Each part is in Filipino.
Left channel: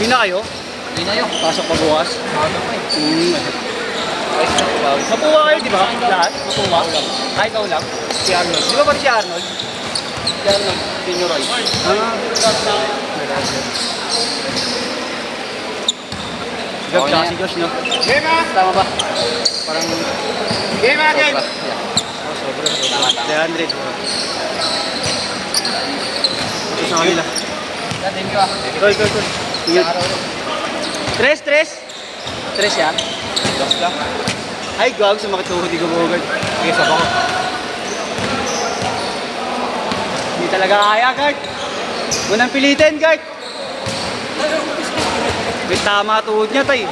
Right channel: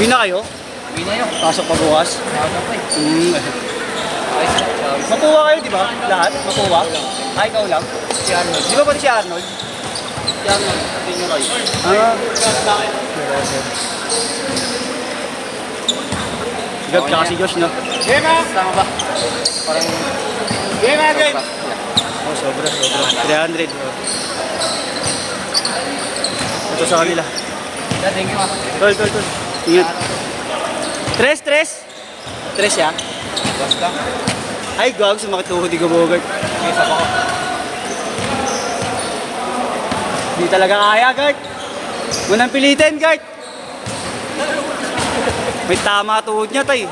Pina kayo? Uwi na yun. Pasok pa bukas? Maaga pa eh. Mapuwa kayo, di ba? Lahat? Mapuwa? Ay, ikaw lang? Si Arnold. Di ba ba si Arnold? Si Arnold, Senior Roy. Gab tsaka si Josh, no? Game man! Tama ba? Game man, game! Oh, sobra. 300. Ito sa kanila. Yeah, thank you ah. Ito. Ingat. Tres. Tres yan. Basta. Ay, gag, sumakit tuhod di ka Bogart. Isa pa ko. Hindi talaga kaya, Gart. Munang pilitin, Gart. May tama tuhod niya, tay.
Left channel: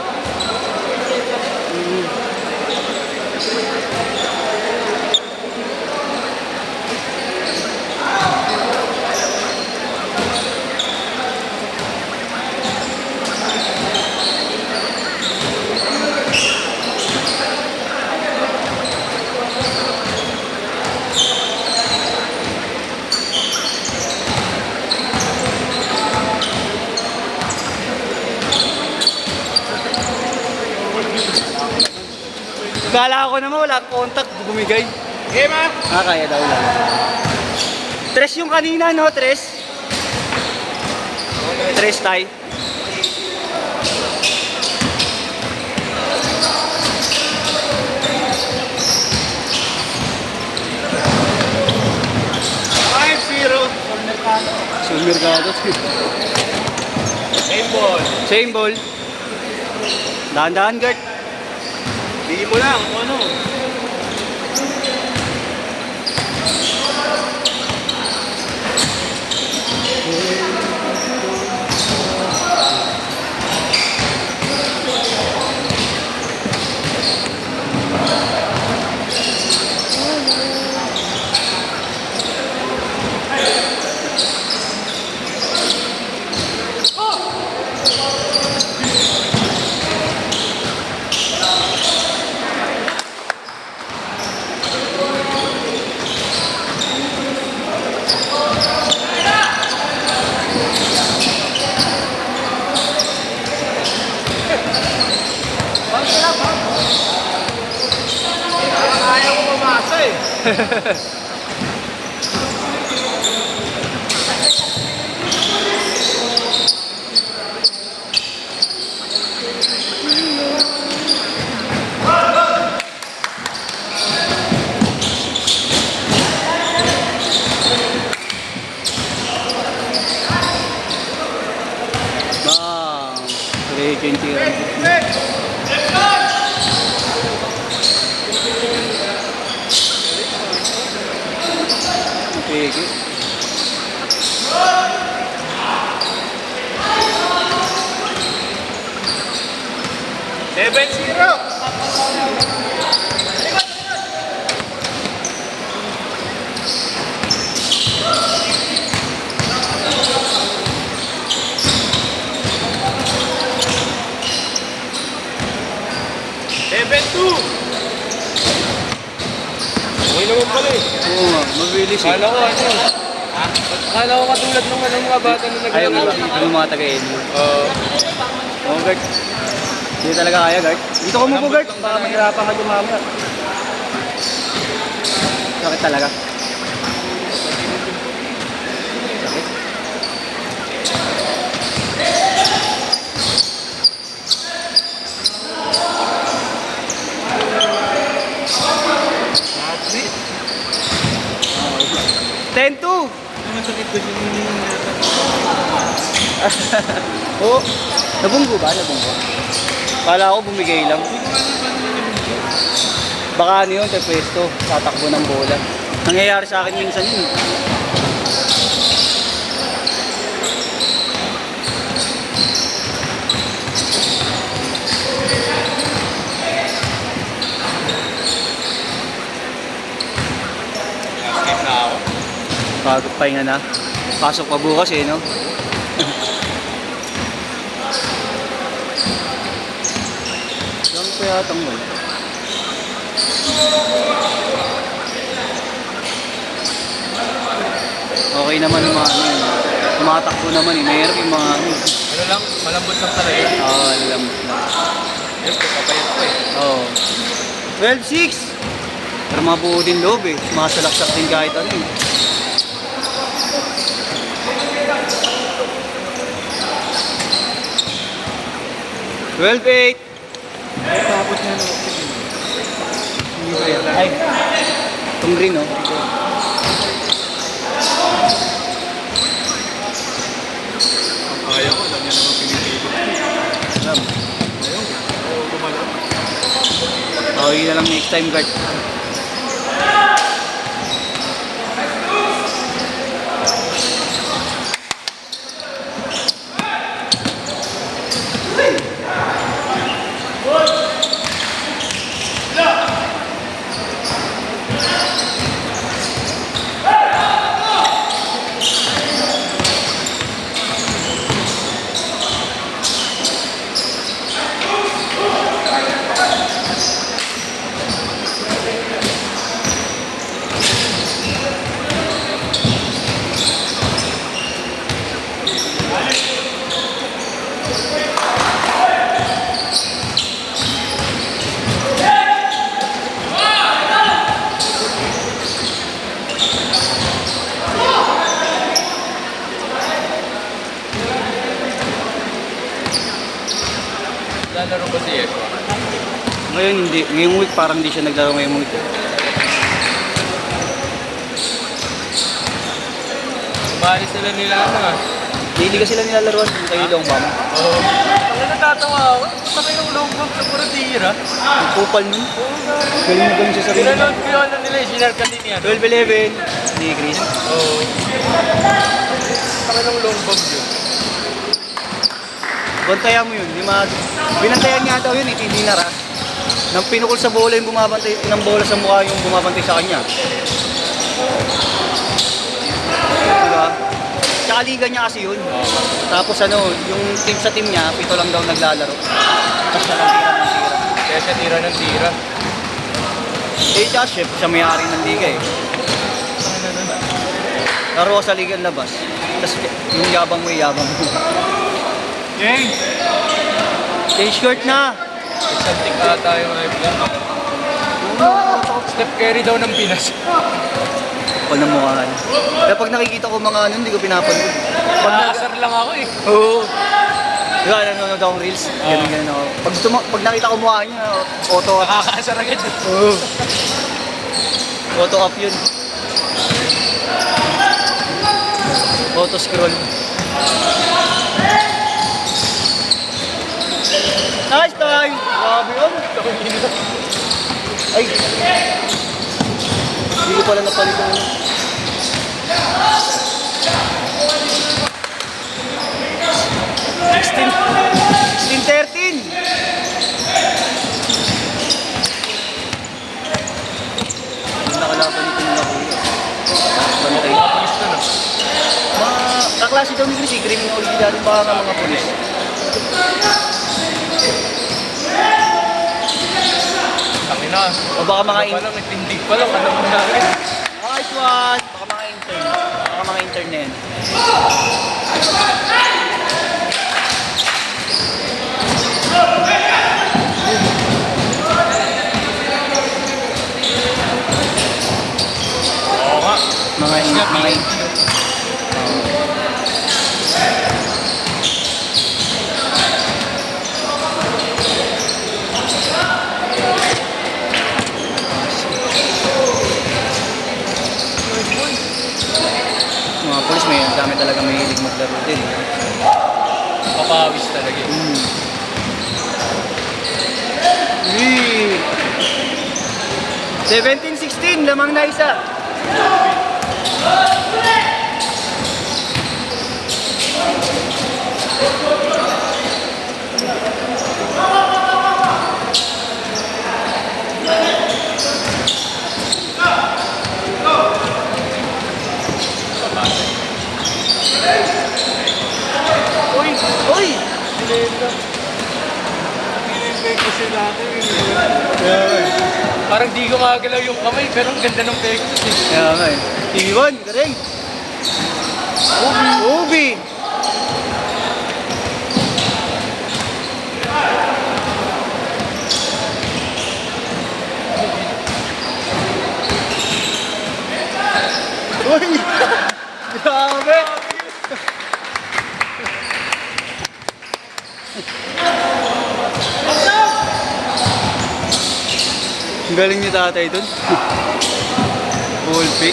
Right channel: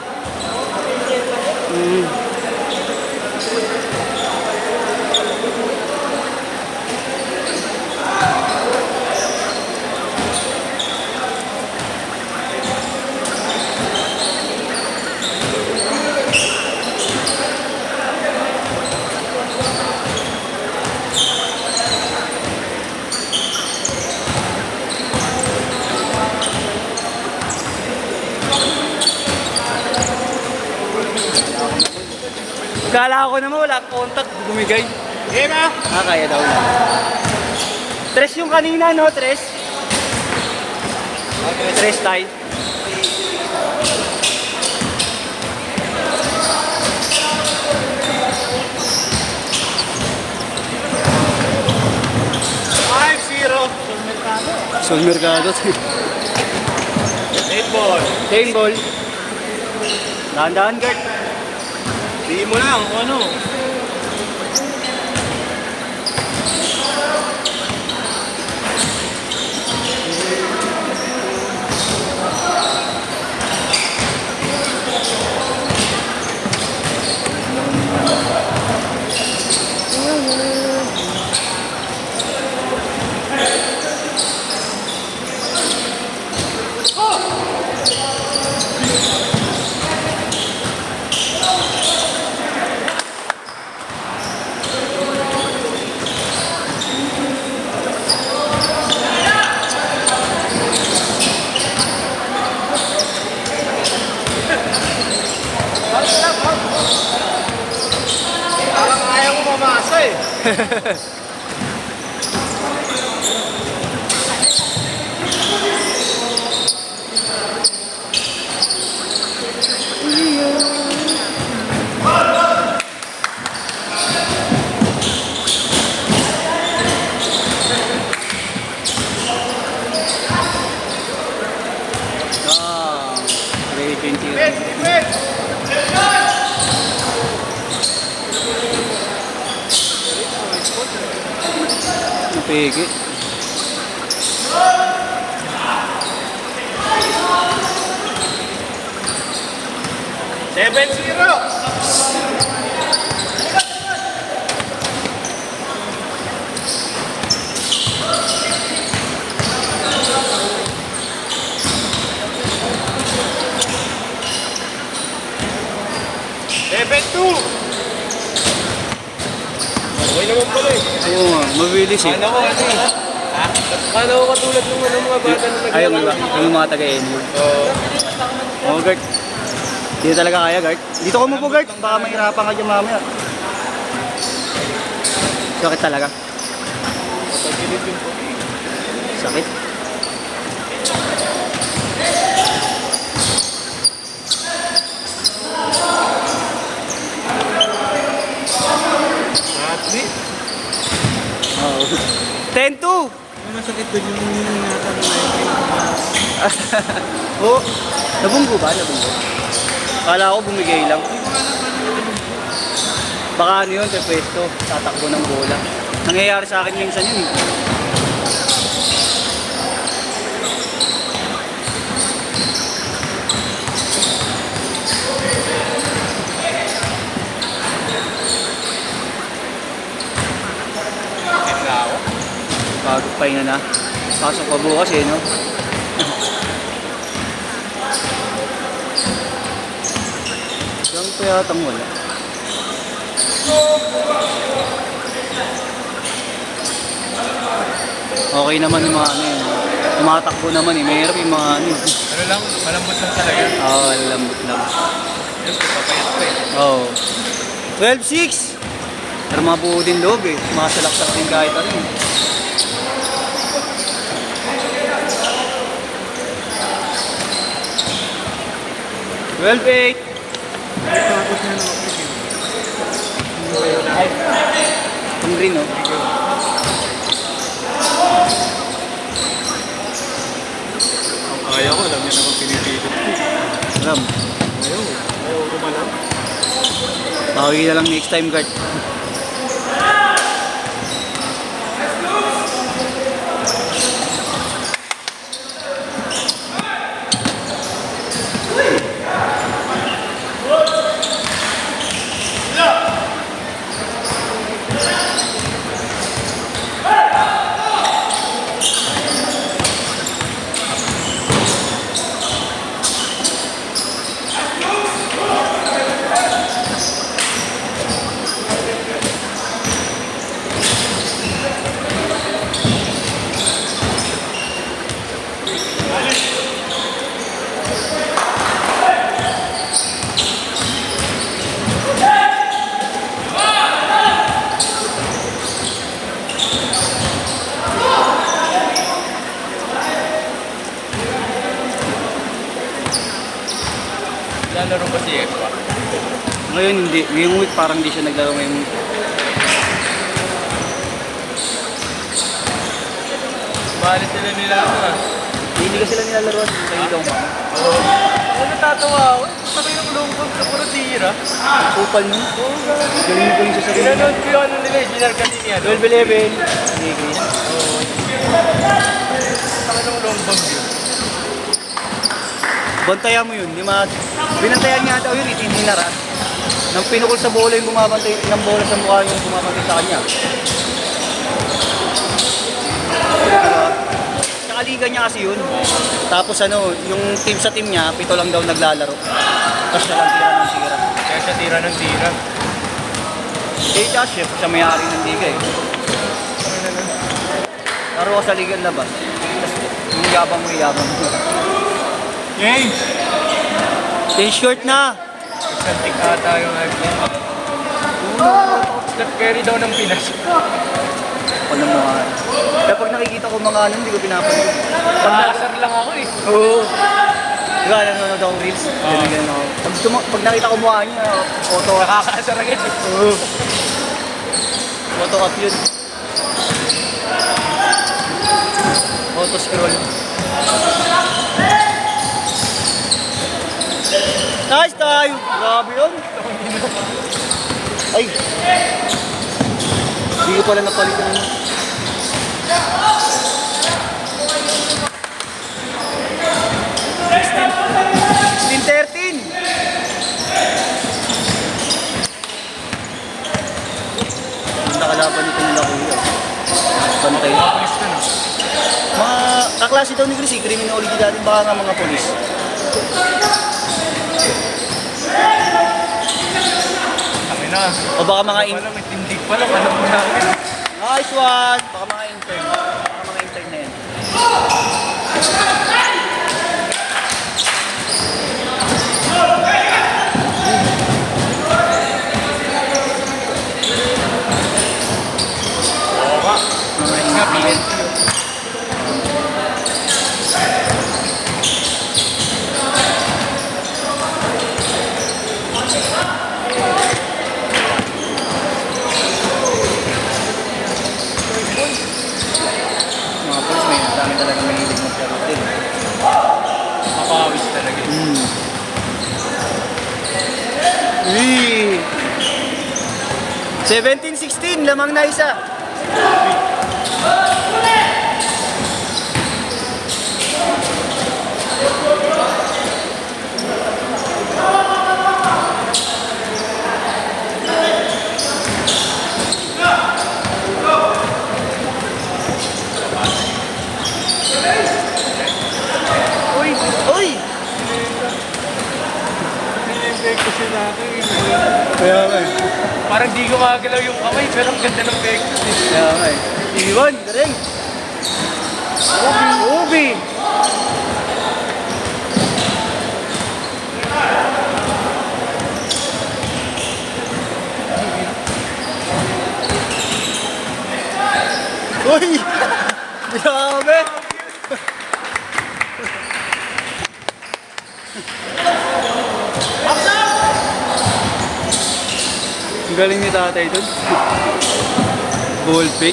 Kala ko naman wala contact, bumigay. Game ah! Kaya daw lang. Tres yung kanina, no? Tres. Tres tayo. Five, zero. Sumir ka na doon. Game ball. Same ball. Dahan-dahan, Gert. Hindi mo lang, ano? Ayaw ko mamasa eh. Ray 20. Pigi. Seven, zero. Seven, two. Okay naman pala eh. Oo nga, mabilis eh. Kala ko ano eh. Kala ko katulad ng ano, mga bata na Ayaw mo ba? naglalaro. Yung mga taga-NU. Oo. Oo, Gert. Hindi talaga kaya, Gert. Dito ko mo po, Gert. Baka mahirapan ka dyan mamaya. Sakit talaga. Sakit. That's it. 10-2. Masakit ko yung Oo. Nabunggo ba? Nabunggo. Kala ko bumigay lang. Baka ano yun, pwesto. Tatakbo ng bola. Nangyayari sa akin minsan yun eh. Bago pahinga na. Pasok pa bukas eh, no? Lang pa yata wala. Okay Okay naman yung mga ano yun. Tumatakbo naman eh. Mahirap yung mga ano. Ano lang, malambot lang talaga. Oo, alam. Yung papayat ko eh. Oo. 12-6! Pero mabuo din loob eh. Masalaksak din kahit ano eh. Tapos nga naman. Ay, ang green oh. Kaya ko, alam niya naman pinipilit. Alam. Ayun eh. Oo, gumalang. Bawi na lang next time, guard. Lalaro ba si Yeswa? Ngayon hindi. Ngayong week parang hindi siya naglaro ngayong week. Maalis nila nila ano ah. Hindi ka sila nilalaro. Kayo lang mama. Oo. Ano natatawa ako? Sabay ng lungkong sa Purtira. Ang kupal nun. Galing mo galing sa sarili mo. Sinanod ko yung ano nila, General kanina yan. 12-11. Hindi, Chris. Oo. Saka ng long bomb yun. Bantayan mo yun. Binantayan niya daw yun eh. Hindi nara. Nang pinukol sa bola yung bumabantay. Nang bola sa mukha yung bumabantay sa kanya. Tsaka liga niya kasi yun. Tapos ano, yung team sa team niya, 7 lang daw naglalaro. Tapos siya ang tira ng tira. Kaya siya tira ng tira. Eh, tsaka siya may-ari ng liga eh. Laro ko sa liga labas. Tapos yung yabang may yabang. Yay! T-shirt na! Isang pick ata yung Alba. Step carry daw ng Pinas. Ano mo nga. Kaya pag nakikita ko mga ano, hindi ko pinapanood. Pag-nasar lang ako eh. Oo. Diba, nanonood akong reels. Ganyan ako. Pag nakita ko mukha niya, photo. Nakakaasar agad. Oo. Photo up yun. Photo scroll. Nice time! Grabe yun. Ay! Hindi ko pala napalit yung ano. $16.13! Ang nakalaban nito nila kuya. Ano kayo? Papalis na na. Mga kaklase daw ni Chris, criminal ulit natin baka ng mga polis. Sabi na. O baka mga Ano pala, may tindi pa lang. Alam mo na agad. Nice one! Baka mga intern. Baka mga intern na yan. Mga intern. Mga polis may dami talaga may hilig maglaro din. Kapawis talaga yun. Uy! 17-16, lamang na isa. Uy! Uy! Kaya nga. Parang di gumagalaw yung kamay, pero ang ganda ng pektos eh. Kaya nga eh. Iwan, galing. Ubi. Uy! Grabe! Ang galing ni tatay dun. Goal pick.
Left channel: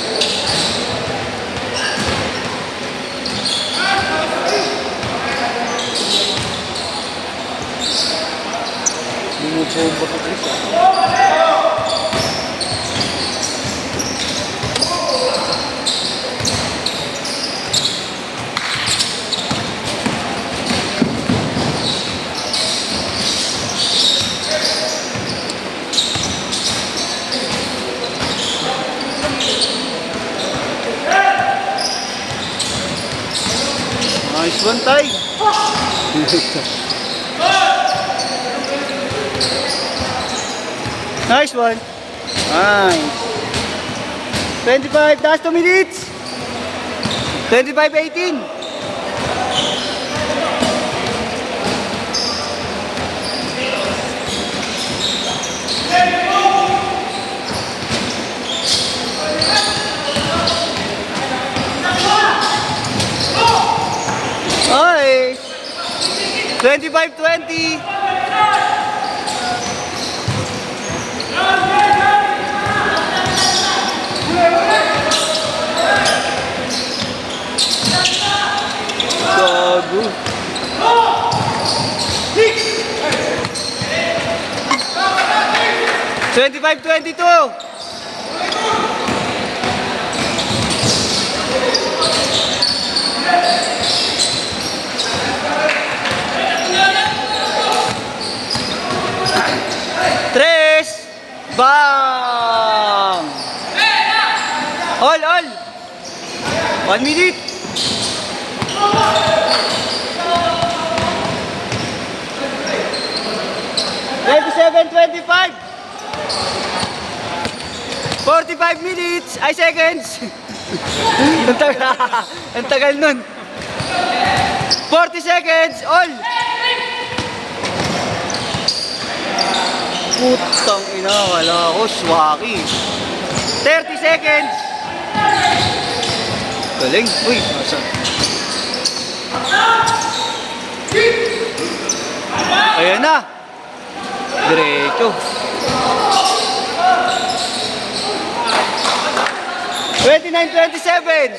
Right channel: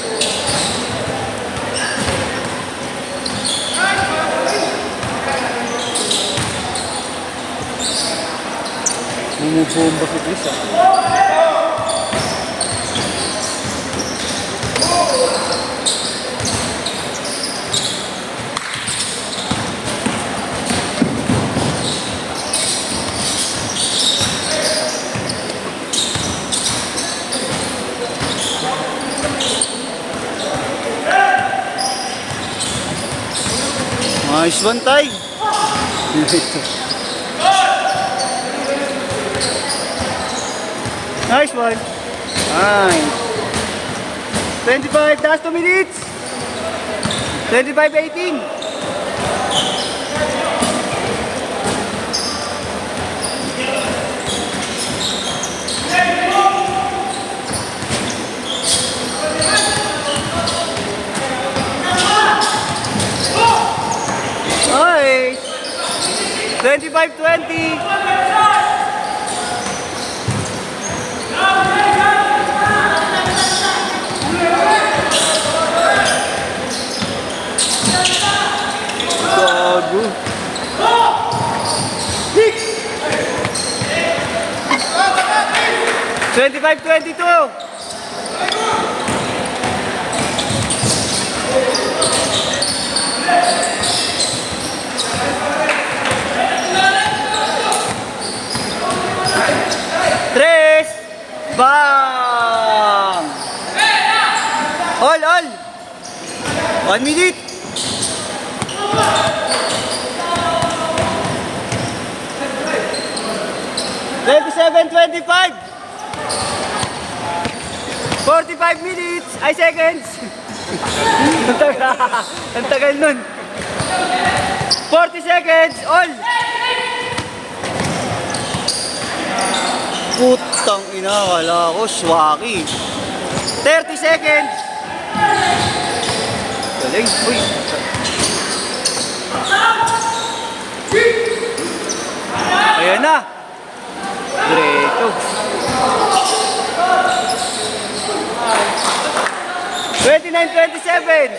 Bumubomba sa isa. Nice one, Tay. Nice one. 25, last 2 minutes. 25-18. Nice. 25-20. Gago. Twenty-five, 22. Tres. Bang. All. 1 minute. Twenty-seven, 25. 45 minutes. Ay, seconds. Ang tagal nun. 40 seconds. All. Putang ina. Wala ko. Swaki. 30 seconds. Galing. Uy. Ayan na. Diretso. 29-27.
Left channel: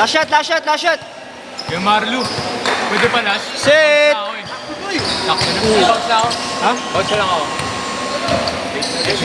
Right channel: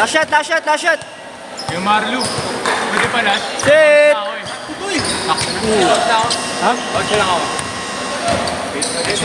Last shot. Yung Marlo. Pwede pa lahat. Set. Ako eh. Ha? Out siya lang ako.